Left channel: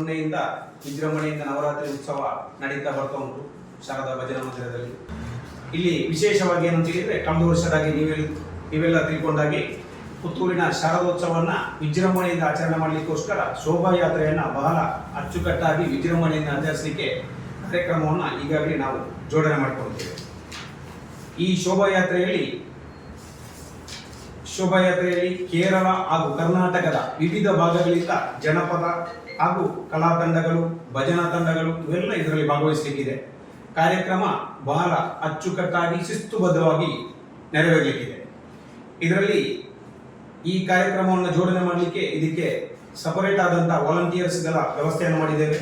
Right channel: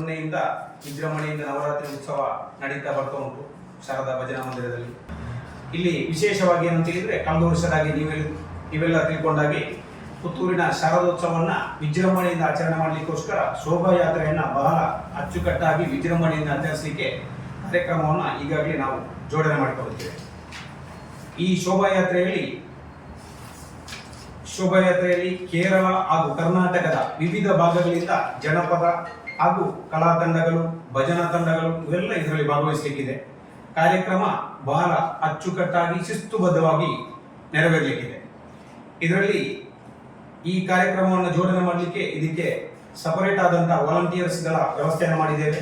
ಮೊನ್ನೆಯಿಂದ ವಿಜೃಂಭಣೆಯಿಂದ ನವರಾತ್ರಿ ಉತ್ಸವ ನಡೀತಾ ಬರ್ತಾ ಉಂಟು ಶಾರದಾ ಭಜನಾ ಮಂದಿರದಲ್ಲಿ. ಇಲ್ಲಿ ವಿಶೇಷವಾಗಿ ಏನು ಅಂತ ಹೇಳಿದ್ರೆ, ಕಳೆದ ವರ್ಷದಾಗಿ ನೀವೆಲ್ಲ ತಿಳ್ಕೊಂಡಾಗಿ ಪುತ್ತೂರಿನ ಶಾರದೋತ್ಸವವನ್ನ ವಿಜೃಂಭಣೆಯಿಂದ ಆಚರಣೆ ಮಾಡಲಿಕ್ಕೋಸ್ಕರ ಶೋಭಾಯಾತ್ರೆಯನ್ನ ಬಹಳ ಅಚ್ಚುಕಟ್ಟಾಗಿ ವಿಜೃಂಭಣೆಯಿಂದ ಆಚರಿಸಲಿಕ್ಕೆ ಕಾರ್ಯಕ್ರಮವನ್ನು ಈಗಾಗಲೇ ನಾವು ಜೋಡಣೆ ಮಾಡಿಕೊಳ್ಳುತ್ತೇವೆ. ಈ ಶೋಭಾಯಾತ್ರೆಯಲ್ಲಿ ಕೇರಳ ಹಾಗೂ ಕರ್ನಾಟಕದ ವಿವಿಧ ಭಾಗಗಳಿಂದ ಜನಪದ ಹಾಗೂ ಕಲಾ ತಂಡಗಳು, ಭಜನಾ ತಂಡಗಳು ಇವೆಲ್ಲ ಇದರಲ್ಲಿ ಭಾಗವಹಿಸಲಿಕ್ಕಿದೆ. ಕಾರ್ಯಕ್ರಮ ಬಹಳ ಅಚ್ಚುಕಟ್ಟಾಗಿ ಶಿಸ್ತುಬದ್ಧವಾಗಿ ನೆರವೇರಲಿಕ್ಕಿದೆ. ಇದರಲ್ಲಿ ಈ ಕಾರ್ಯಕ್ರಮವನ್ನು ಜೋಡಣೆ ಮಾಡಲಿಕ್ಕೆ ಇದಕ್ಕೆ ಸಪರೇಟ್ ಆದಂತಹ ವಾಲಂಟಿಯರ್ಸ್ಗಳ ವ್ಯವಸ್ಥೆಯನ್ನು ಮಾಡಿದ್ದೇವೆ.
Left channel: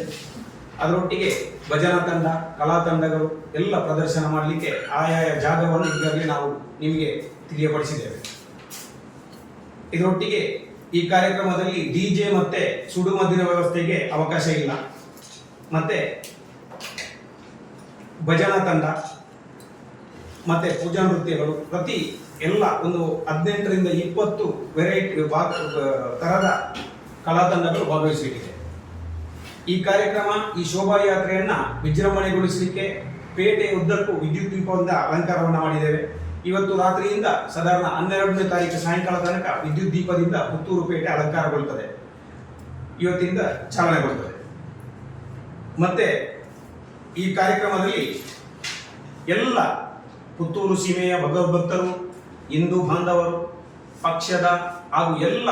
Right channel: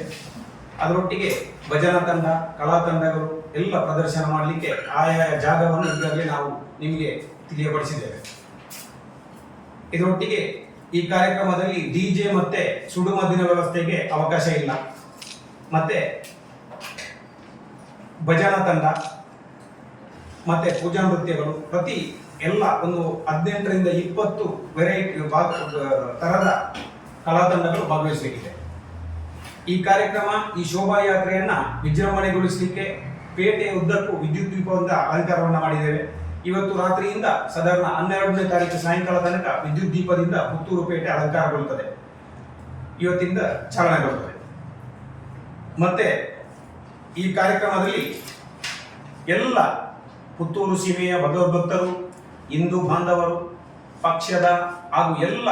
ಅದರೊಟ್ಟಿಗೆ ಭಜನಾ ತಂಡ, ಕಲಾ ತಂಡಗಳು ಎಲ್ಲ ಪ್ರದರ್ಶನ ಮಾಡಲಿಕ್ಕೆ ಆಯಾಯ ಜಾಗವನ್ನು ಈಗಾಗಲೇ ನಾವು ನಿಮಗೆ ತಿಳಿಯಪಡಿಸಿದ್ದೇವೆ. ಇದರೊಟ್ಟಿಗೆ ಈ ಕಾರ್ಯಕ್ರಮದಲ್ಲಿ ಡಿಜೆ ಮತ್ತೆ ಸುಡುಮದ್ದಿನ ವ್ಯವಸ್ಥೆಗೆ ಅವಕಾಶ ಇಲ್ಲ. ಮತ್ತೆ ಭಜನಾ ತಂಡ ಮತ್ತೆ ಪೂಜಾ ನೃತ್ಯಗಳು ಪ್ರತಿ ಎಲ್ಲ ಒಂದು 18ರಿಂದ 20 ವೆರೈಟಿ ತರದ ಕಲಾ ತಂಡಗಳು ಭಾಗವಹಿಸಲಿಕ್ಕಿದೆ. ಈ ಕಾರ್ಯಕ್ರಮ, ಈ ಶೋಭಾಯಾತ್ರೆಯನ್ನ ವಿಜೃಂಭಣೆಗೊಳಿಸಲಿಕ್ಕೆ ಪೇಟೆಯ ಉದ್ದಕ್ಕೂ ವಿದ್ಯುತ್ ದೀಪದಿಂದ ಅಲಂಕಾರವನ್ನ ಮಾಡಿದ್ದೇವೆ. ಇವತ್ತು ರಾತ್ರಿಯಿಂದ ಸಾಧಾರಣ 12ನೇ ತಾರೀಕು ಸಾಯಂಕಾಲ ತನಕ ವಿದ್ಯುತ್ ದೀಪದಿಂದ ಪುತ್ತೂರು ಪೇಟೆ ಅಲಂಕಾರಗೊಳ್ಳುತ್ತದೆ. ಇವತ್ತಿಂದ ಚಾಲನೆಗೊಳ್ಳುತ್ತದೆ. ಮತ್ತೆ ಈ ಕಾರ್ಯಕ್ರಮದಲ್ಲಿ ಎಲ್ಲ ಪುತ್ತೂರು ಸೀಮೆಯ ಭಗವದ್ಭಕ್ತರು, ಹಿಂದೂ ಬಾಂಧವರು, ಪಕ್ಷದ ಹಾಗೂ ಎಲ್ಲ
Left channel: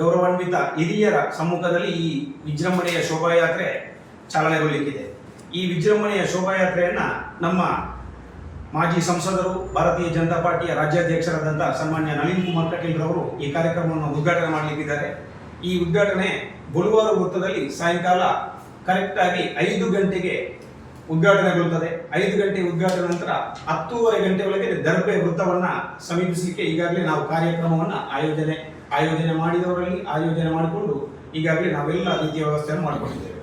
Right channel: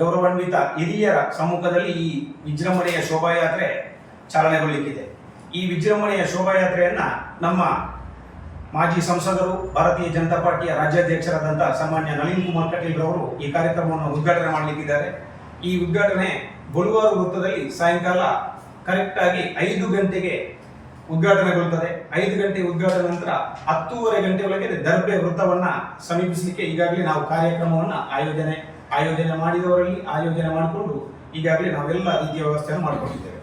ಗೌರವಾನ್ವಿತ ಹಿರಿಯರ ಸಮ್ಮುಖದಲ್ಲಿ ಈ ವಿಜೃಂಭಣೆಯ ಶೋಭಾಯಾತ್ರೆ ಚಾಲನೆಗೊಳ್ಳಲಿಕ್ಕಿದೆ. ಈ ವಿಜೃಂಭಣೆಯ ಶೋಭಾಯಾತ್ರೆಯನ್ನ ನಮ್ಮ ಮಾಜಿ ಸಂಸದರು, ಭಾರತೀಯ ಜನತಾ ಪಾರ್ಟಿಯ ರಾಜ್ಯಾಧ್ಯಕ್ಷರಾದಂತಹ ಸನ್ಮಾನ್ಯ ನಳಿನ್ ಕುಮಾರ್ ಕಟೀಲ್ ರವರು ಈ ಕಾರ್ಯಕ್ರಮವನ್ನು ಉದ್ಘಾಟನೆ ಮಾಡಲಿಕ್ಕಿದ್ದಾರೆ. ಈ ಉದ್ಘಾಟನೆ ಬೊಳುವಾರು ವೃತ್ತದಲ್ಲಿ ಸಾಯಂಕಾಲ ಕರೆಕ್ಟ್ ಆಗಿ 5 ಗಂಟೆಗೆ ಉದ್ಘಾಟನೆಗೊಳ್ಳುತ್ತದೆ. 5 ಗಂಟೆ ಉದ್ಘಾಟನೆ ನಂತರ 10:30 ಗಂಟೆ ಒಳಗೆ ದರ್ಬೆ ವೃತ್ತವನ್ನ ಸಮೀಪಿಸಲಿಕ್ಕೆ ಈಗಾಗಲೇ ನಾವು ಕಾರ್ಯಕ್ರಮವನ್ನ ಆಯೋಜನೆ ಮಾಡಿಕೊಂಡು ಈಗಾಗಲೇ ನಾವೆಲ್ಲ ರೀತಿಯ ವ್ಯವಸ್ಥೆಯನ್ನು ಮಾಡಿಕೊಂಡಿದ್ದೇವೆ.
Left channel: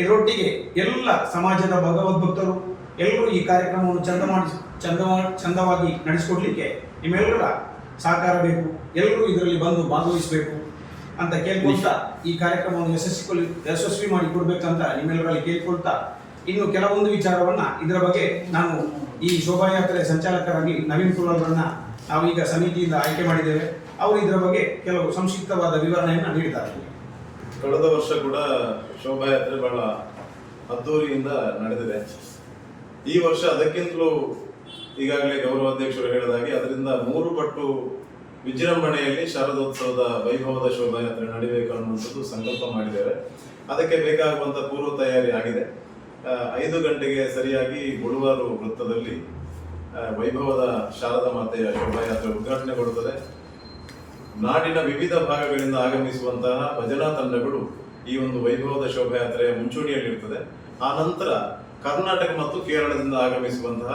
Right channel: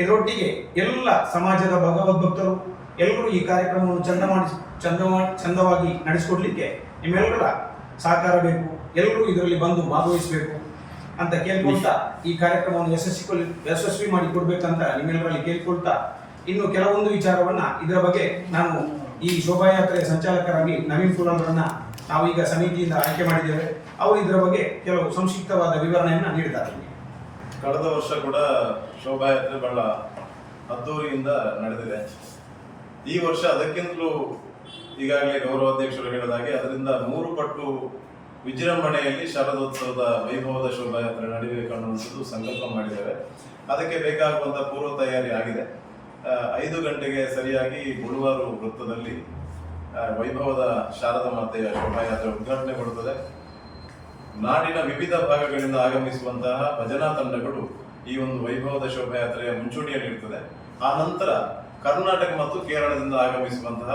ಇದರೊಟ್ಟಿಗೆ ಎಲ್ಲ ಸಮಾಜದ ಭಗವದ್ಭಕ್ತರು ಎಲ್ಲರೂ ಈ ಕಾರ್ಯಕ್ರಮವನ್ನು ಚಂದವಾಗಿ ನಡೆಸಿಕೊಡ್ಲಿಕ್ಕೆ ನಿಮ್ಮೆಲ್ಲರ ಸಹಕಾರ ಬೇಕು. ಎಲ್ಲರೂ ಇದರಲ್ಲಿ ಬಂದು ಭಾಗವಹಿಸಬೇಕು ಅಂತ ಕೇಳ್ಕೊಳ್ತಾ ಈ ಕಾರ್ಯಕ್ರಮವನ್ನು ಯಶಸ್ವಿ ಮಾಡಿ ಕೊಡ್ಬೇಕಂತ ನಿಮ್ಮೆಲ್ಲರಲ್ಲಿ ಕೇಳ್ಕೊಳ್ತಾ, ಇನ್ನು ಕೆಲವೊಂದು ವಿಚಾರವನ್ನ ಇದರ ಬಗ್ಗೆ ನಾನು ಈ ಶೋಭಾಯಾತ್ರೆ ಸಂಚಾಲಕರಾಗಿ ನವೀನ್ ಕುಲಾಲ್ರನ್ನ ನಾವೀಗ ಸಮಿತಿಯಿಂದ ಆಯ್ಕೆ ಮಾಡಿದ್ದೇವೆ. ಅವರು ಇದರ ಬಗ್ಗೆ ಕೆಲವು ಸಂಕ್ಷಿಪ್ತವಾದ ವಿವರಣೆಯನ್ನ ನೀಡಿದ್ದಾರೆ. ಕಳೆದ ವರ್ಷ ಕೂಡ ಶೋಭಾಯಾತ್ರೆ ಬಹಳ ಅದ್ದೂರಿಯಿಂದ ನಡೆದಿದೆ. ಈ ವರ್ಷ ಅದಕ್ಕಿಂತಲೂ ಈಗಾಗಲೇ ಗೌರವಾಧ್ಯಕ್ಷರು ಹೇಳಿದಾಗೆ ಅದರಿಂದ 3 ಪಟ್ಟು ವಿಜೃಂಭಣೆಯಲ್ಲಿ ಶಾರದೋತ್ಸವದ ವೈಭವದ ಶೋಭಾಯಾತ್ರೆ ನಡೀಬೇಕು ಅನ್ನುವಂಥದ್ದು ಸಂಕಲ್ಪ ಮಾಡಿದ್ದೇವೆ. ಅದಕ್ಕೆ ಬೇಕಾಗುವಂಥ ಪೂರ್ವ ತಯಾರಿ ಆಗಿದೆ. 5 ಗಂಟೆಗೆ ಸರಿಯಾಗಿ ಬೊಳುವಾರು ವೃತ್ತದಲ್ಲಿ ವೈಭವದ ಶಾರದಾ ಮಾತೆಯ ಶೋಭಾಯಾತ್ರೆ ಉದ್ಘಾಟನೆಗೊಳ್ಳುತ್ತದೆ. ನಾಡಿನ ವಿವಿಧ ಭಾಗಗಳಿಂದ ಆಗಮಿಸುವಂತಹ ಭಜನಾ ತಂಡಗಳು ಈ ಒಂದು ವೈಭವದ ಶೋಭಾಯಾತ್ರೆಯ ಮುಂಚೂಣಿಯಲ್ಲಿರುತ್ತದೆ. ಆ ನಂತರ ಕರ್ನಾಟಕ ಮತ್ತು ಕೇರಳದಿಂದ ಆಗಮಿಸುವಂತಹ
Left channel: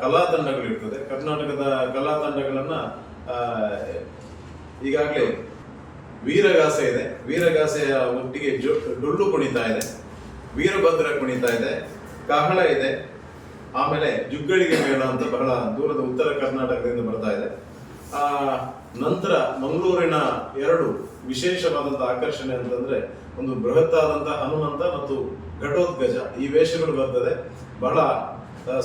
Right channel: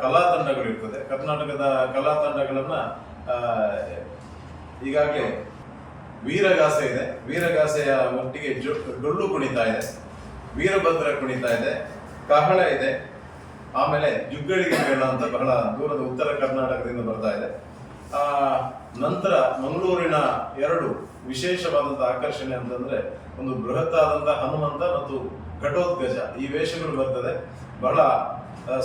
ಕಲಾ ತಂಡಗಳಿರ್ತದೆ. ಕರ್ನಾಟಕದ ಕಲಾ ತಂಡಗಳನ್ನ ಈಗಾಗಲೇ ವೀರಗಾಸೆ ಇದೆ, ವೀರಗಾಸೆಯ ಒಟ್ಟಿಗೆ ಡೊಳ್ಳು ಕುಣಿತ ಇದೆ, ವೀರಭದ್ರ ಕುಣಿತ ಇದೆ, ಕಹಳ ಇದೆ, ಆಮೇಲೆ ಜುಗ್ಗಳಿಗೆ ಹೇಳುವಂತ ಬಹಳ ದೂರದ ಉತ್ತರ ಕರ್ನಾಟಕದಿಂದ ಬರ್ತಾ ಇದೆ. ನಂತರ ಮಂಗಳೂರಿನ 2 ವಿಶೇಷವಾದಂತಹ ಆಕರ್ಷಣೆ ಅಂತಂದ್ರೆ, ಒಂದು ಬೃಹತ್ತಾದಂತಹ ಹನುಮಂತ ಮತ್ತು ಘಟೋತ್ಕಜ ಈ ವೇಷಗಳು ಬರ್ತದೆ. ಬಹಳ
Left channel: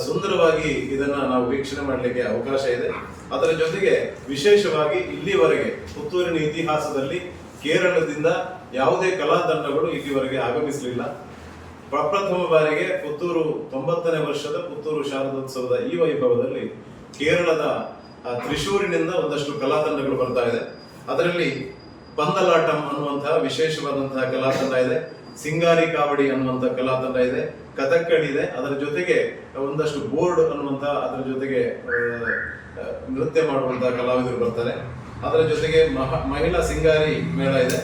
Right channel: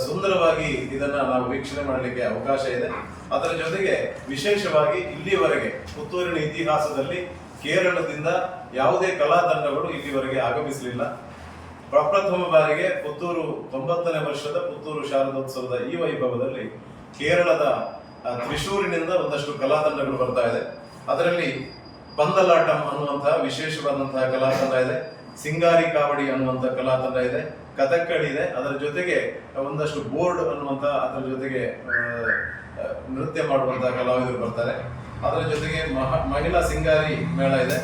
ಸುಂದರವಾಗಿ ಇದನ್ನ ನಾವು ವೀಕ್ಷಣೆ ಮಾಡಲಿಕ್ಕೆ ಅವಕಾಶ ಇದೆ. ಅದರ ಜೊತೆಗೆ ವಿಶೇಷವಾಗಿ ಇಲ್ಲಿವರೆಗೆ ಪುತ್ತೂರಿನ ಇತಿಹಾಸದಲ್ಲಿ ಕೇರಳದಿಂದ ಯಾವುದೇ ಕಲಾ ತಂಡಗಳು ಇಲ್ಲಿವರೆಗೆ ಆಗಮಿಸಲಿಲ್ಲ. ಪ್ರಪ್ರಥಮ ಬಾರಿಗೆ ಪುತ್ತೂರು 90ನೇ ವರ್ಷದ ಪುತ್ತೂರು ಶಾರದೋತ್ಸವದ ಈ ವೈಭವದಲ್ಲಿ ಕೇರಳದ ತ್ರಿಶೂರಿನಿಂದ ಒಂದಷ್ಟು ಕಲಾ ತಂಡಗಳು ಬರ್ತಾ ಇದೆ. ಅದರಲ್ಲಿ ಪಂದಲಾಟಂ ಅನ್ನುವಂತಹ ವಿಶೇಷವಾದಂತಹ ಕಲಾ ತಂಡ ಇದೆ, ಸಿಂಗಾರಿ ಕಾವಡಿ ಅನ್ನುವಂಥ ಕಲಾ ತಂಡ ಇದೆ, ಕಥಕ್ಕಳಿ ಇದೆ. ಅದರ ಜೊತೆಗೆ ಒಂದಷ್ಟು ಬೋರ್ಡ್ ಅನ್ನುವಂಥ ಅದರ ಜೊತೆಗೆ ನೃತ್ಯ ಮಾಡುವಂತಹ ಕಲಾವಿದರು ಬರ್ತಾರೆ. ಅದರ ಜೊತೆಗೆ ಮಹಿಳಾ ಸಿಂಗಾರಿ ಮೇಳ ಇದೆ,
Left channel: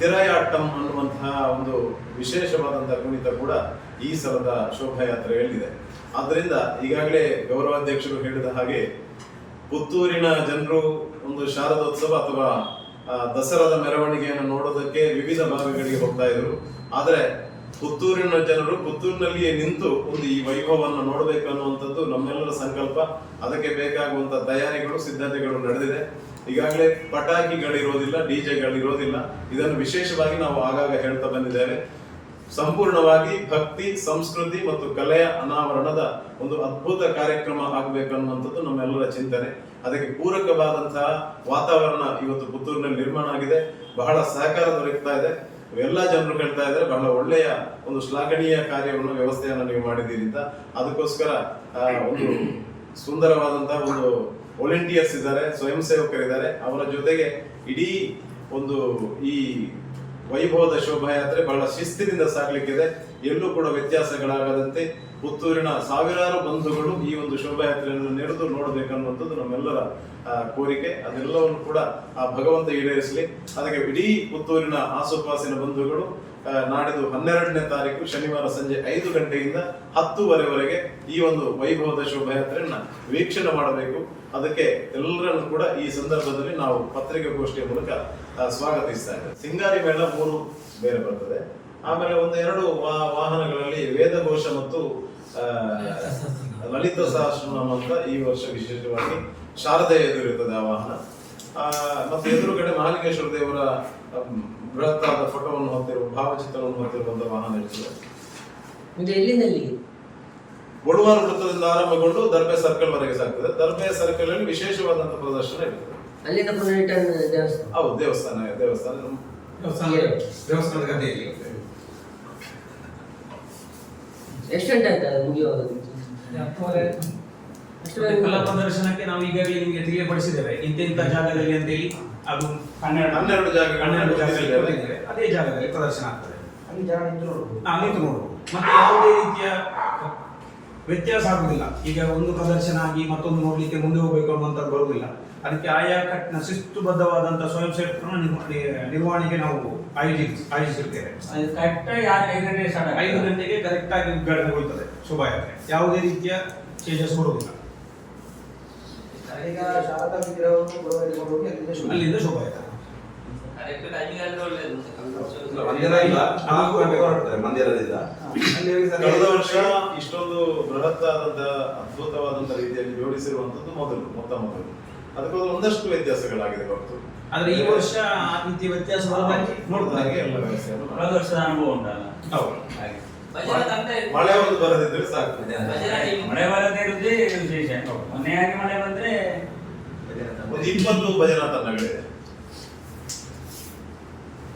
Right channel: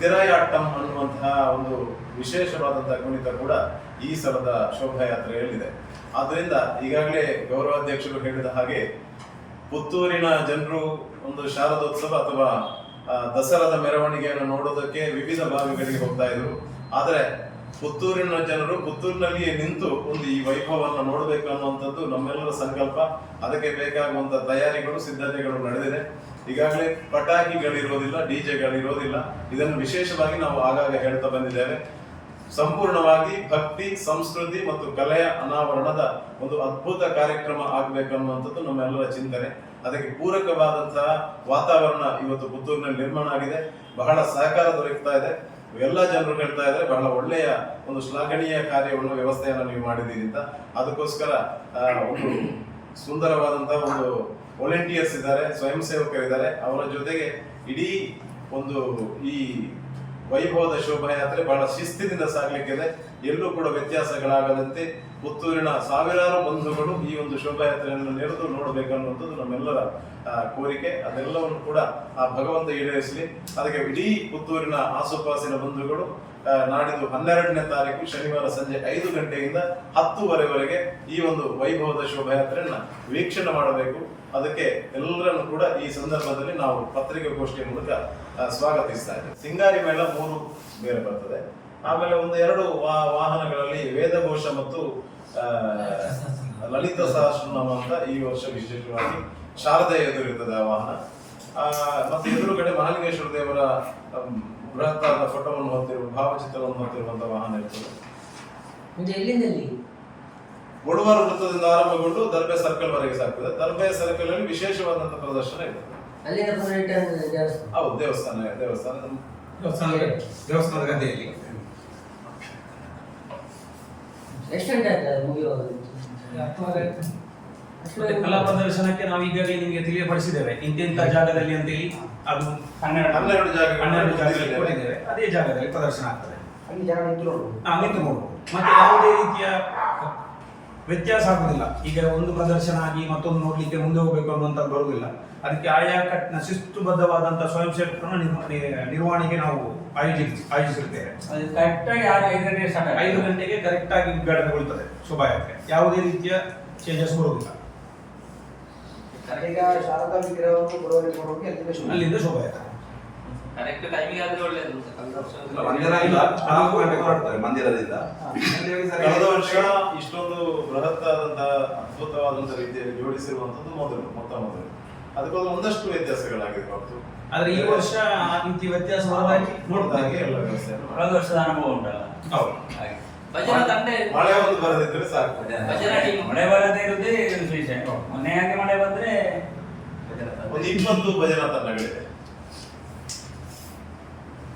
ತಿರಾಯಾಟ್ಟಂ ಅನ್ನುವಂತಹ ಒಂದು ವಿಶೇಷವಾದಂತಹ ಕುಣಿತ ಕೂಡ ಈ ಸಲದ ಶೋಭಾಯಾತ್ರೆಯಲ್ಲಿದೆ. ಆದ್ದರಿಂದ ಈಗಾಗಲೇ ಗೌರವಾಧ್ಯಕ್ಷರು ಹೇಳಿದ ಹಾಗೆ ಪುತ್ತೂರಿನ ಜನರು ಒಂದು ಶಾರದೋತ್ಸವ ಅಥವಾ ದಸರಾದ ಮೆರವಣಿಗೆಯನ್ನು ನೋಡೋದಕ್ಕೆ ವಿವಿಧ ಭಾಗಗಳಿಗೆ ಹೋಗ್ತಾ ಇದ್ರು. ಆದರೆ ಪುತ್ತೂರಿನ ಜನರು ಪುತ್ತೂರಿನಲ್ಲಿಯೇ ನಿಂತು ಒಂದು ಈ ವೈಭವವನ್ನು ನೋಡಬೇಕು ಅನ್ನುವಂಥದ್ದು ನಮ್ಮೆಲ್ಲರ ಸಂಕಲ್ಪ. ಅದಕ್ಕೆ ಬೇಕಾಗುವಂತ ತಯಾರಿಗಳು, ಸಿದ್ಧತೆಗಳು ನಡೆದಿದೆ. ಈಗಾಗಲೇ ಪಟಾಕಿಗಳಿರೋದಿಲ್ಲ, ಡಿಜೆಗಳಿರೋದಿಲ್ಲ. ಇದನ್ನು ವಿಶೇಷವಾಗಿ ನಾವು ಆಗಾಗ ಹೇಳ್ತಾ ಬಂದಿದ್ದೇವೆ. ಸಂಪೂರ್ಣವಾಗಿ ಭಕ್ತಿ, ಸಂಸ್ಕೃತಿ ಮತ್ತು ಕಲೆಯ ಅನಾವರಣದ ಒಂದು ಅದ್ಭುತ ಕಾರ್ಯಕ್ರಮ ಆಗಬೇಕನ್ನುವಂಥದ್ದು ನಮ್ಮೆಲ್ಲರ ಚಿಂತನೆ. ಅದಕ್ಕೆ ಪೂರಕವಾದಂತಹ ವಾತಾವರಣ ಇವತ್ತು ಪುತ್ತೂರಿನಲ್ಲಿ ನಿರ್ಮಾಣ ಆಗಿದೆ. ಬಹಳ ಸಹಕಾರ ದೊರಕ್ತಾ ಇದೆ. ಎಲ್ಲ ಜನರು ಹೇಳ್ತಾ ಇದ್ದಾರೆ ಬಹಳ ಒಳ್ಳೆಯ ಒಂದು ಶ್ಲಾಘನೀಯ ಕಾರ್ಯವನ್ನು, ವ್ಯವಸ್ಥೆಯನ್ನು ನೀವು ಮಾಡಿದ್ದೀರಿ ಅಂತ. ಅದಕ್ಕೋಸ್ಕರ ಒಂದು ಸುಂದರವಾದಂತಹ ಒಂದು ವಾಲಂಟಿಯರ್ಸ್ ಇದ್ದಾರೆ, ಸ್ವಯಂ ಸೇವಕರಿದ್ದಾರೆ. ಅವರ ಜೊತೆಗೆ ಇಡೀ ಒಂದು ಈ ವೈಭವದ ಶೋಭಾಯಾತ್ರೆ ಬಹಳ ಶಿಸ್ತಿನಿಂದ ಸಾಗಲಿಕ್ಕಿದೆ. ಎಲ್ಲೂ ಕೂಡ ವ್ಯತ್ಯಾಸಗಳಾಗದಂತೆ ಪುತ್ತೂರಿನ ಸಾವಿರಾರು ಬಂಧುಗಳು ಈ ಒಂದು ಶೋಭಾಯಾತ್ರೆಯನ್ನು ನೆರೆದು ನೋಡಬೇಕನ್ನುವಂಥದ್ದು ನಮ್ಮೆಲ್ಲರ ಕೋರಿಕೆ. ಅದೆಲ್ಲವನ್ನು ಕೂಡ ಆ ಭಗವಂತ ಈಡೇರಿಸಲಿ. ಅದಕ್ಕೆ ಇಡೀ ಪುತ್ತೂರಿನ ಆಸುಪಾಸಿನ ಬಂಧುಗಳು ನಾಡಿದ್ದು 12ನೇ ತಾರೀಕು ಶನಿವಾರ ಸಂಜೆ 5 ಗಂಟೆಯಿಂದ 10:30ವರೆಗೆ ಈ ಒಂದು ವೈಭವದ ಶೋಭಾಯಾತ್ರೆಯನ್ನ ವೀಕ್ಷಣೆ ಮಾಡಬೇಕು. ಅದಕ್ಕೆ ಎಲ್ಲರನ್ನು ಕೂಡ ಈ ಸಂದರ್ಭದಲ್ಲಿ ನಾವು ಪತ್ರಿಕಾಗೋಷ್ಠಿಯ ಮೂಲಕ ಸ್ವಾಗತಿಸ್ತಾ ಇದ್ದೇವೆ. ಸಿಂಗಾರಿ ಮೇಳ 3 ಬೇರೆ ಬರ್ತದೆ. ಆಮೇಲೆ 1-2 ವಾಹನಗಳಲ್ಲಿ ವೇದಘೋಷ ಮತ್ತು ಲಲಿತ ಸಹಸ್ರನಾಮ ಅಂತ ಈ ವರ್ಷ ವಿಶೇಷವಾಗಿ ಶಾರದೆ ಎದುರಿರ್ತದೆ ಆ ವಾಹನ. ಮತ್ತೆ ಎದುರುಗಡೆ ಮಹಾಲಿಂಗೇಶ್ವರ ದೇವರ ಬೃಹತ್ತಾದ ಫೋಟೋವನ್ನು ಹೊಂದಿರುವ, ಭಾವಚಿತ್ರವನ್ನು ಹೊಂದಿರುವಂತಹ ವಾಹನ ಇರ್ತದೆ. ಗೊಳುವಾರ ವೃತ್ತದಿಂದ ಆರಂಭಗೊಂಡು ದರ್ಬೆ ಸರ್ಕಲ್ ವರೆಗೆ ಸಾಗ್ತದೆ. ದರ್ಬೆ ಸರ್ಕಲ್ ಅಲ್ಲಿ ವಿಶೇಷವಾದಂತಹ ಪ್ರದರ್ಶನ ಇರ್ತದೆ. ಹೌದು, ದೇವಸ್ಥಾನದ ಗದ್ದೆಯಲ್ಲಿ. ಎಷ್ಟು ಗಂಟೆ ಆಗ್ತದೆ ಮುಗಿಯುವಾಗ? ಕಲಾ ಪ್ರದರ್ಶನಕ್ಕೆ ನಾವು ಈಗಾಗಲೇ ನಿಮಗೆ ತಿಳಿಯಪಡಿಸಿದ್ದೇವೆ ಇಂತೆಂಥ ಜಾಗದಲ್ಲಿ ಅಂತೇಳಿ. ಅದು 12 ಜಾಗದಲ್ಲಿ ಕೊಟ್ಟಿದ್ದೇವೆ. ಅದೇ ಜಾಗದಲ್ಲಿ ಪ್ರದರ್ಶನ ಆಗ್ತದೆ. ನಿಂತು ನೋಡ್ಬೋದು. ಮತ್ತೆ ಯಾವುದೇ ರೀತಿಯ ವ್ಯತ್ಯಾಸ ಆಗುದಿಲ್ಲ. ಈಗ ಒಂದು ಪ್ರದರ್ಶನ ಆಗಿ ಮತ್ತೊಂದು ನೋಡ್ಲಿಕ್ಕೆ ಮುಂದೆ ಹೋಗ್ಬೇಕು ಅನ್ನುವಂಥದ್ದು ಬರುವುದಿಲ್ಲ. ಅದಕ್ಕೆ ಆಯಾ ಶಿಸ್ತುಬದ್ಧವಾದಂತಹ ಸ್ವಯಂ ಸೇವಕರನ್ನ ನಿರ್ವಹಣೆಗೆ ನಾವು ಆಯೋಜಿಸಿರ್ತೇವೆ. 5 ಗಂಟೆಗೆ ಕರೆಕ್ಟ್ ಆಗಿ ಉದ್ಘಾಟನೆಗೊಳ್ಳುತ್ತದೆ ಶೋಭಾಯಾತ್ರೆ. ಯಾವುದೇ ರೀತಿಯ ಚೇಂಜಸ್ ಬರುವುದಿಲ್ಲ. ಅಲ್ಲಿಂದ ಶೋಭಾಯಾತ್ರೆ ಮಂದಿರದಿಂದ. ಕಳೆದ ವರ್ಷ ಇಷ್ಟೊಂದು ಬೃಹತ್ತಾದಂತಹ ಅದ್ಭುತವಾದಂತಹ ರೀತಿಯಲ್ಲಿ ಜೋಡಿಸಿರುವಂತದ್ದು ಮೊತ್ತ ಮೊದಲು. ಅದಕ್ಕೋಸ್ಕರ ಒಂದಷ್ಟು ವ್ಯತ್ಯಾಸಗಳಾಗಿದೆ ಹೊರತು. ಆದ್ರೆ ಈ ವರ್ಷ ಇಂತಿ ವ್ಯತ್ಯಾಸ ನೋಡಿದಾಗೆ ಎಲ್ಲ ವ್ಯವಸ್ಥೆಯನ್ನು ಕಳೆದ ವರ್ಷದ ಅನುಭವ ಉಂಟಲ್ಲ. ಹೌದು. ಮಳೆ ಒಂದು ಬರದಿದ್ರೆ ಸಾಕು. ಮಳೆ ಬರದೇ ಇರುವುದೇ ವಿಶೇಷ. ಮೊನ್ನೆ ಹಾಗೆ ಮಳೆ ಬಂದ್ರೆ ಒಂದು 20 ಭಜನಾ ತಂಡಗಳಿದೆ.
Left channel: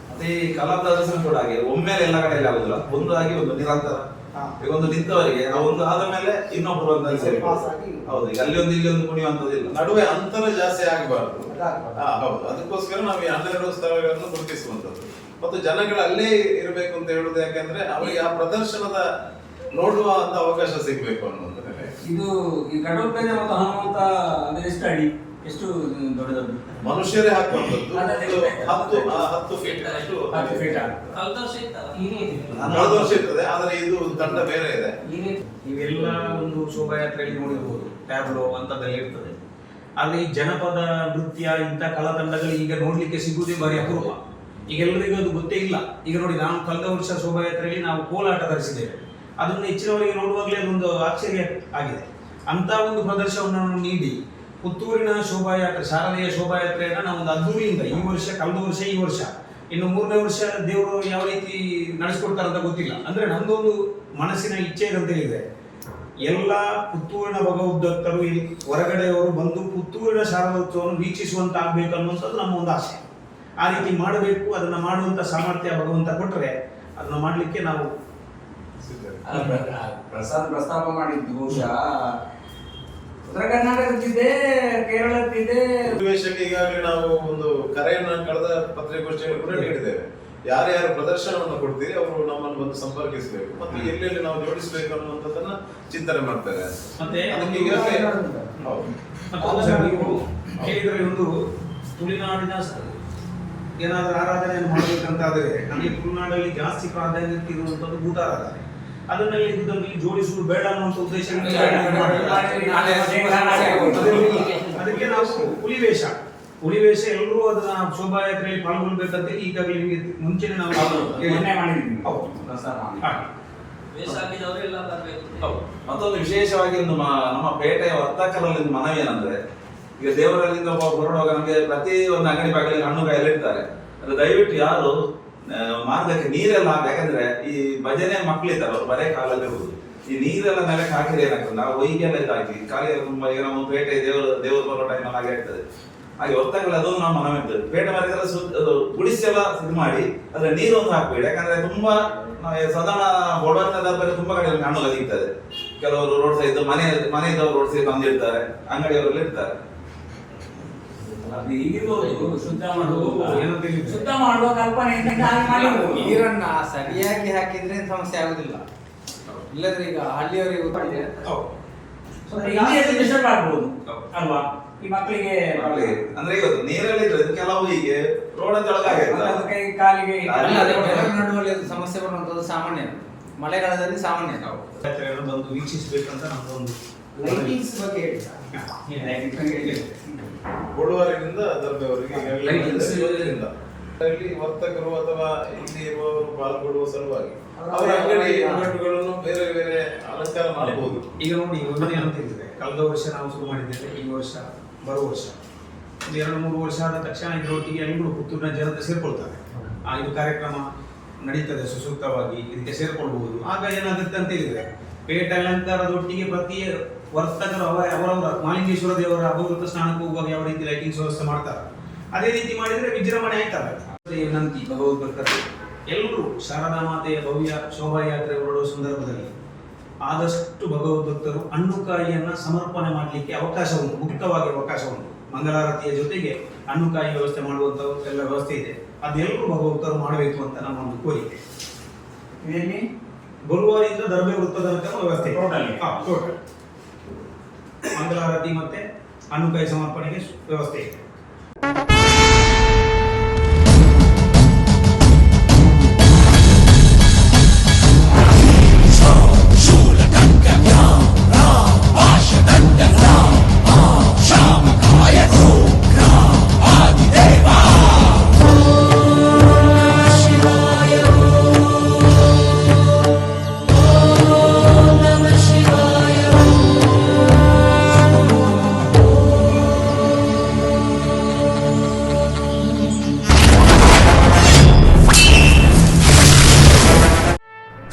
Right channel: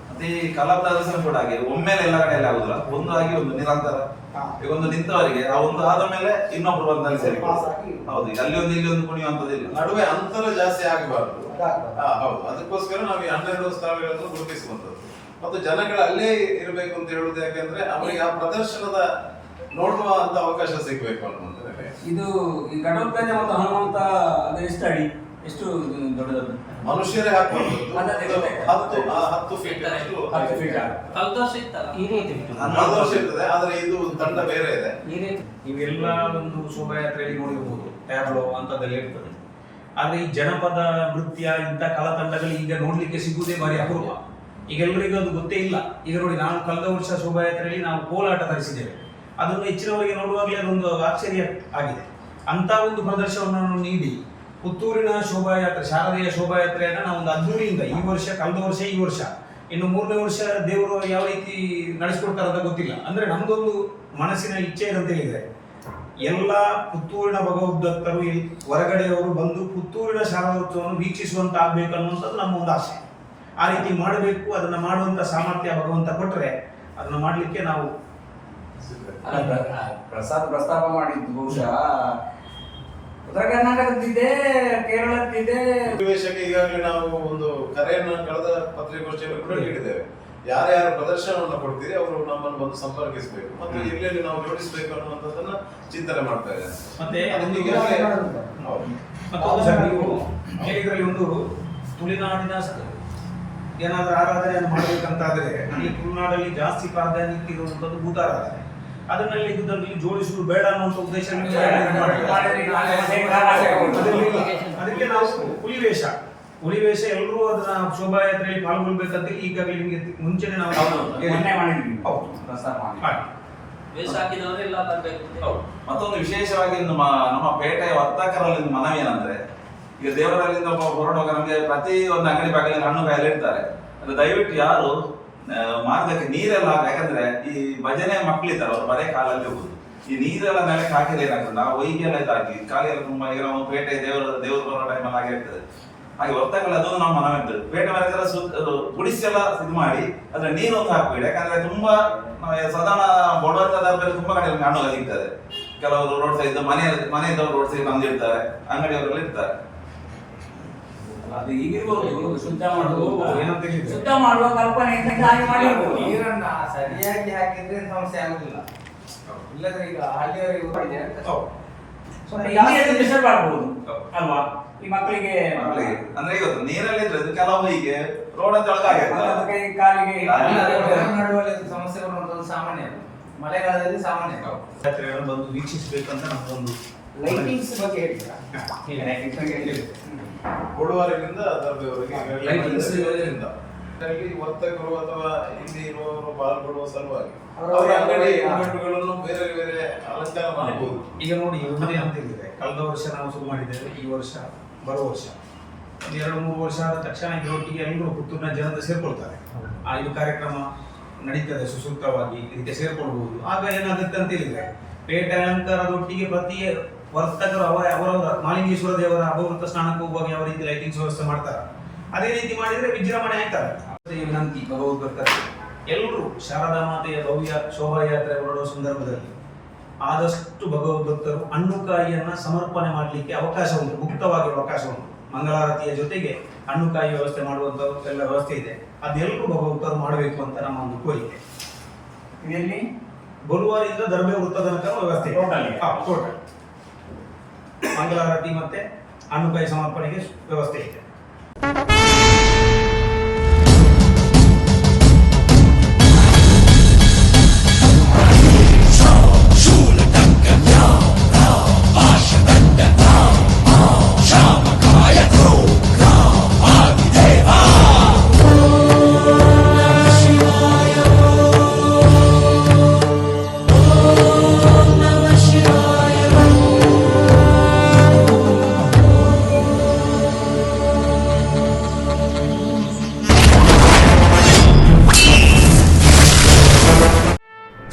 ಮತ್ತೆ ಈ ಕಲಾ ಪ್ರದರ್ಶನ ಕೂಡ ಹಾಗೆ ಒಮ್ಮೆಲೆ ಎಲ್ಲ ಕಡೆಯಲ್ಲಿ ಆಗುದಿಲ್ಲ. ಒಂದು ಆಗಿ ಒಂದು ನಿರಂತರ. ಈಗ ಒಂದು ನಿಂತವರಿಗೆ ಆ ಒಂದು ಆದ ಮೇಲೆ ಇನ್ನೊಬ್ರು ಬಂದಲ್ಲಿ ಸರಿ. ಹೌದು, ಈಗ ಅಲ್ಲಿ ಒಂದು ಇಲ್ಲಿ ಒಂದು ಕುಣಿಯುವಂತದಿಲ್ಲ. ನಡುವೆ ಅಂತರ ಜಾಸ್ತಿ ಆಗಬಾರ್ದು. ಹೌದು, ಅದಕ್ಕೋಸ್ಕರ ನಾವು ಈ 12 ಸ್ಥಳಗಳನ್ನು ಗುರುತಿಸುವಂತದ್ದು. ಮತ್ತು ಜನಗಳು ಅಲ್ಲೇ ಇರಬೇಕು ಅಂತ ಹೇಳುದು ಯಾಕಂದ್ರೆ ಅವರಿಗೆ ಆ ಪ್ರದರ್ಶನದ ನೋಡುವ ಅಂತ ಅವಕಾಶ ಸಿಗಬೇಕು ಅನ್ನೋದು. ಇದು ಈ ಗಡೋಪೇದೆ ಮತ್ತು ಹನುಮಂತ ಅದು ಎಷ್ಟು ಅಡಿ, ಎಷ್ಟು ದೊಡ್ಡ ದೊಡ್ಡ ಮನುಷ್ಯರೇ ಹಾಕುವಂಥದ್ದು 10 ಫೀಟ್ ಅಷ್ಟು. 10 ಫೀಟ್ ಇರ್ತದೆ. ಆದ್ರೆ ಇದು ತಂಡ ಬೇರೆ ಇದೆ. ಇವೆಲ್ಲ ಒಂದು ಶೋಭಾಯಾತ್ರೆಯಲ್ಲಿ ನೋಡಿರಬಹುದು. ಟ್ಯಾಬ್ಲೋ ಅಂತದಲ್ಲಿ ಇರ್ತದೆ. ಆದ್ರೆ ಈ ಜನಪದ ನೃತ್ಯ ಇಂಥ ಕಲಾ ತಂಡಗಳು ಈಗ ನೋಡ್ಲಿಕ್ಕೆ ಸಿಗುವುದೇ ಭಾರಿ ಅಪರೂಪ. ಈಗ ಎಲ್ಲರಿಗೂ ಅದು ಗೊತ್ತೇ ಇಲ್ಲ. ಈಗ ನೋಡಿ, ನಾವು ಕಳೆದ ವರ್ಷ ಶೋಭಾಯಾತ್ರೆಯಲ್ಲಿ ನಾವು ಕೋಲಾಟ ತರಿಸಿದ್ದೇವೆ. ಅದನ್ನು ಹೆಚ್ಚಿನವರಿಗೆ ನೋಡುವಾಗಲೇ ಅದೊಂದು ಆಶ್ಚರ್ಯ ಆಗಿದೆ. ಅಂತ ಒಂದು ಪ್ರದರ್ಶನವನ್ನು ನೀಡಿ ಪುತ್ತೂರಿನ ಶೋಭಾಯಾತ್ರೆ, ಶಾರದೆಯ ಶೋಭಾಯಾತ್ರೆಯನ್ನ ನಾವು ಒಂದು ಅದ್ದೂರಿಯಿಂದ ಈ ವರ್ಷ, ಕಳೆದ ವರ್ಷ, ಈ ವರ್ಷ, ಇನ್ನು 3ನೇ ವರ್ಷ ದೇವರು ಯಾವ ರೀತಿ ನಡೆಸ್ಕೊಡ್ತಾರೆ ಅಂತ ಗೊತ್ತಿಲ್ಲ. ಅಂದ್ರೆ ನಮ್ದೊಂದು ಮನಸ್ಸಿನ ಇಚ್ಛೆ ಅಂತ ಹೇಳಿದ್ರೆ ಎಲ್ಲ ಪುತ್ತೂರಿನ ಭಗವದ್ಭಕ್ತರು ಹೊರಗಡೆಯವರು ಬಂದು ಪುತ್ತೂರಿನ ಶಾರದೋತ್ಸವವನ್ನು ವೀಕ್ಷಿಸುವಂತ ಆಗ್ಬೇಕು ಅನ್ನುವಂಥದ್ದು ನಮ್ಮ ಒಂದು ಆಸೆ. ಆ ರೀತಿ ಮಾಡಬೇಕು. ಅದನ್ನ ಮಾಡುವಂತ ಸಾಮರ್ಥ್ಯ ಭಗವಂತ ಕೊಟ್ಟರೆ ಅದನ್ನ ಮಾಡ್ಲಿಕ್ಕೆ ನಾವು ಪ್ರಸ್ತಾಪ ಮಾಡಿದ್ದು ಬಹುಶಃ ಉತ್ತರ ಕರ್ನಾಟಕದಿದೆ, ಕೇರಳದಿದೆ. ಸನ್ನಿವೇಶಕ್ಕೆ ಈಗಾಗಲೇ ನಾವು ಒಂದು ಕರೆಯನ್ನು ಕಳೆದ ಪತ್ರಿಕಾಗೋಷ್ಠಿಯಲ್ಲಿ ಕೂಡ ನೀಡಿದ್ದೇವೆ. ಯಾರ್ಯಾರು ಪ್ರದರ್ಶನವನ್ನು ಕೊಡ್ತೀರಿ ಅವರು ನಮ್ಮನ್ನು ಬಂದು ಸಂಪರ್ಕಿಸಬೇಕು ಮತ್ತು ಎಲ್ಲೆಲ್ಲಿ ನಾವು ಜೋಡಿಸಬೇಕು ಅನ್ನುವಂಥದ್ದನ್ನ ಚಿಂತನೆ ಮಾಡ್ತಾರೆ. ಮತ್ತೆ ಅದಕ್ಕೆ ಈಗಾಗಲೇ ಮತ್ತೊಂದು ಸರ್, ನೀವು ಕೇಳಿದ್ರೆ ಒಂದು ತುಳುನಾಡಿನ ಏನಾದ್ರೂ ಆರಾಧನೆಯನ್ನು ಮಾಡಬೇಕಂತಾದ್ರೆ ನಮಗೆ ತುಳುನಾಡಲ್ಲಿ ಜಾಸ್ತಿ ಪ್ರಾಧಾನ್ಯತೆ ಇರುವಂತದ್ದು ಭೂತಾರಾಧನೆ. ಅದನ್ನಲ್ಲಿ ಇದರಲ್ಲಿ ಜೋಡಿಸುವುದು ಬೇಡ ಅನ್ನುವಂಥ ಉದ್ದೇಶ. ಅದಕ್ಕೆ ನಾವು ಹುಲಿವೇಷ ಎಲ್ಲರೂ ಅದನ್ನ ಶೋಭಾಯಾತ್ರೆಯಲ್ಲಿ ಪಾಲ್ಗೊಳ್ಬೇಕಂತ ಈಗಾಗಲೇ ನಿಮಗೆ ಮುಂಚೆನೆ ನಾವು ಮತ್ತೊಂದು ವಿಶೇಷವಾಗಿ ನಮ್ಮ ಪೇಟೆಯ ವರ್ತಕರಲ್ಲಿ ಮನವಿ ಏನಂದ್ರೆ, ಈಗ ದೇವರಲ್ಲಿಂದ ಹೊರಡುವಾಗ ನಮಗೆ ಪ್ರತಿ ಒಂದು ಅಂಗಡಿ ಬಾಗಿಲಲ್ಲಿ ಹಣ್ಣು ಕಾಯಿಲೆ ಇಡ್ತಾರೆ. ಅದು ದಯವಿಟ್ಟು ಯಾರು ಮಾರ್ಗಕ್ಕೆ ನೀರೆಲ್ಲ ಯಾಕಂದ್ರೆ ಈ ಭಜನೆ ಮಕ್ಕಳಿದ್ದಾರೆ ಅವ್ರು ಬರೇ ಕಾಲಲ್ಲಿ ಹೋಗುದು. ಈ ನೀರೆಲ್ಲ ನೆಲಕ್ಕೆ ಹಾಕಿದ್ರೆ ಏನಾಗ್ತದೆ, ನಾವು ಹೊಯ್ಗೆಲ್ಲ ಇದಾಗಿ ಕಾಲಿಗೆಲ್ಲ ತುಂಬಾ ಈಗ ನಾವು ಪೇಟೆ ದೇವರು ಬರೋ ಟೈಮಲ್ಲಿ ಹಾಗೆ ಆಗ್ತದೆ. ಹಾಗೆ ಹೊತ್ತಗಲ್ಲ ಅದು ನಮ್ಮ ಮನವಿದ್ದು ಪೇಟೆ ಮರಕ್ಕೆಲ್ಲ ಗುಡಿಸೆಲ್ಲ ಇದು ಮಾಡಿ ಅದ್ರ ನೀರೊಂದು ಹಾಕ್ಬೇಡಿ. ಯಾಕಂದ್ರೆ ತುಂಬಾ ಸಾಧಾರಣ ಬಡವರ ತುಂಬಾ ಕಡೆ ಹಣ್ಣು ಸಿಗ್ತದೆ. ಕೆಲವರು ರೋಡ್ ಸೈಡ್ ಮನೆಯದವರು ರೋಡ್ ಸೈಡ್ ಬಂದಿರ್ತಾರೆ, ಅಂಗಡಿಯವರೆಲ್ಲ ಇರ್ತಾರೆ. ಅದು ಈಗಿರ್ಬೋದು ಶುದ್ಧ ಮಾಡುವ ಏನೋ ತಿಳಿದಿದೆ. ಶುದ್ಧ ಮಾಡುವ ಕಲ್ಪನೆ ನೀರನ್ನ ಸರಿಯಾಗಿ ಹಾಕಿದ್ರೆ ಸಮಸ್ಯೆ ಆಗುದಿಲ್ಲ. ಇಲ್ಲದ್ರೆ ಈಗ ಹಳ್ಳಿಯವರಿಗೆ ಡಿಸ್ಟರ್ಬ್ ಆಗ್ಬೋದು ಅಲ್ವಾ ಈ ಮಕ್ಕಳಿಗೆ ಅಂದ್ರೆ ಇವತ್ತು ನೀರೆಲ್ಲ ಇದ್ರೆ ಕೆಲವು ಹೀಗೆ ರೋಡ್ ಅಂತ ಕೈ ಕಾಲಿಗೆ ನಡುವಲ್ಲಿ ಸಮಸ್ಯೆ ಬರುವಂತದ್ದು ಸಾಮಾನ್ಯ, ಮಳೆಗಾಲದಲ್ಲಿ ಸಾಮಾನ್ಯ. ಜಾತ್ರೆಗಳು ಬಂದು ವೀಕ್ಷಿಸಬೇಕಂತ ನಮ್ದೊಂದು ಲೈಟಿಂಗ್ಸ್ ಬಗ್ಗೆ ಹೇಳಿದ್ರ ಕೊಡುವವರಿಂದ ದರ್ಬೆಯವರಿಗೆ Lightings. ಅಲ್ಲಿ ವರ್ತಕರು ಅಥವಾ ಇಲ್ಲಿ ಇರುವವರು ಪಾಲ್ಗೊಳ್ಳುವ ಸಲುವಾಗಿ ಅವರ ಅಂಗಡಿ ಮುಂಗಟ್ಟುಗಳನ್ನು ಬೇರೆ ಬೇರೆ ಅಲಂಕಾರ ಮಾಡಬಹುದು. ಈಗ ನೋಡಿ ಒಂದು ಏನಂತ ಹೇಳಿದ್ರೆ ಕಳೆದ ವರ್ಷ ನಾವು ಶುರು ಮಾಡಿದ್ದೇವೆ, ಈ ವರ್ಷ ಬರುವ ವರ್ಷ ಒಂದು 2-3 ವರ್ಷ ಆದ ತಕ್ಷಣ ಇದರೊಟ್ಟಿಗೆ ಎಲ್ಲರೂ ಪುತ್ತೂರಿನ ಜನತೆ ಸೇರ್ಕೊಳ್ತಾರೆ. ಇದು ಕಾರ್ಯಕ್ರಮ ನಡೀತದೆ ಸುಸೂಕ್ತವಾಗಿ, ಇದಕ್ಕೆ ಸೇರ್ಕೊಳ್ಬಹುದು. ಆಗ ಏನಾಗುತ್ತೆ ಅಂತ ಹೇಳಿದ್ರೆ ಪೇಟೆ ನಂತರದೊಟ್ಟಿಗೆ ಪ್ರತಿ ವರ್ತಕರು ಅವರವರ ಮಾಲಿಂಗೇಶ್ವರ ದೇವರ ಅಪವೃತ ಸ್ನಾನಕ್ಕೆ ಹೋಗುವಾಗ ಯಾವ ರೀತಿ ಲೈಟಿಂಗ್ಸ್ ವ್ಯವಸ್ಥೆ ಮಾಡ್ತಾರೆ ಅದೇ ರೀತಿ ಮಾಡಿದ್ರೆ ವಿಜೃಂಭಣೆ ಆಗ್ತಾರೆ. ವಿನಂತಿ ಭಗವದ್ಭಕ್ತರು ಎಲ್ಲರೂ ಶಾರದಾ ಮಾತೆಯ ಭವ್ಯ ಶೋಭಾಯಾತ್ರೆ ಹೊರಡುವ ಸಂದರ್ಭದಲ್ಲಿ ಆದಷ್ಟು ಭಗವದ್ಭಕ್ತರು ಹಣ್ಣುಕಾಯಿಯನ್ನ ಸಮರ್ಪಣೆ ಮಾಡಲಿಕ್ಕೆ ಅವಕಾಶ ಉಂಟು, ಮುಕ್ತವಾಗಿ ಅವಕಾಶ ಉಂಟು. ಮಂಗಳಾರತಿಯ ಜೊತೆಗೆ ಹಣ್ಣುಕಾಯಿ ವ್ಯವಸ್ಥೆ ಮಾಡುವಂತ ಎಲ್ಲ ವ್ಯವಸ್ಥೆ ಇದೆ. ಅದೆಲ್ಲರೂ ಭಗವದ್ಭಕ್ತರು ಮಾಡಬೇಕು ಅಂತ ನಮ್ಮ ಒಂದು ಕೋರಿಕೆ. ಇದರಲ್ಲಿ ಬರುವಾರಿಂದ ದರ್ಬೆ ವೃತ್ತದ ತನಕ ವ್ಯವಸ್ಥೆ ಇದೆ. Total. ಟೋಟಲ್ ಮಂಗಳಾರತಿ ಮತ್ತೆ ಹಣ್ಣುಕಾಯಿ ಸಮರ್ಪಣೆಗೆ ವ್ಯವಸ್ಥೆ ಇದೆ.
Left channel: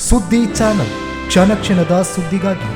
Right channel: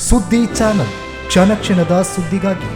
ಸುದ್ದಿ ಚಾನಲ್ ಕ್ಷಣ ಕ್ಷಣದ ಸುದ್ದಿಗಾಗಿ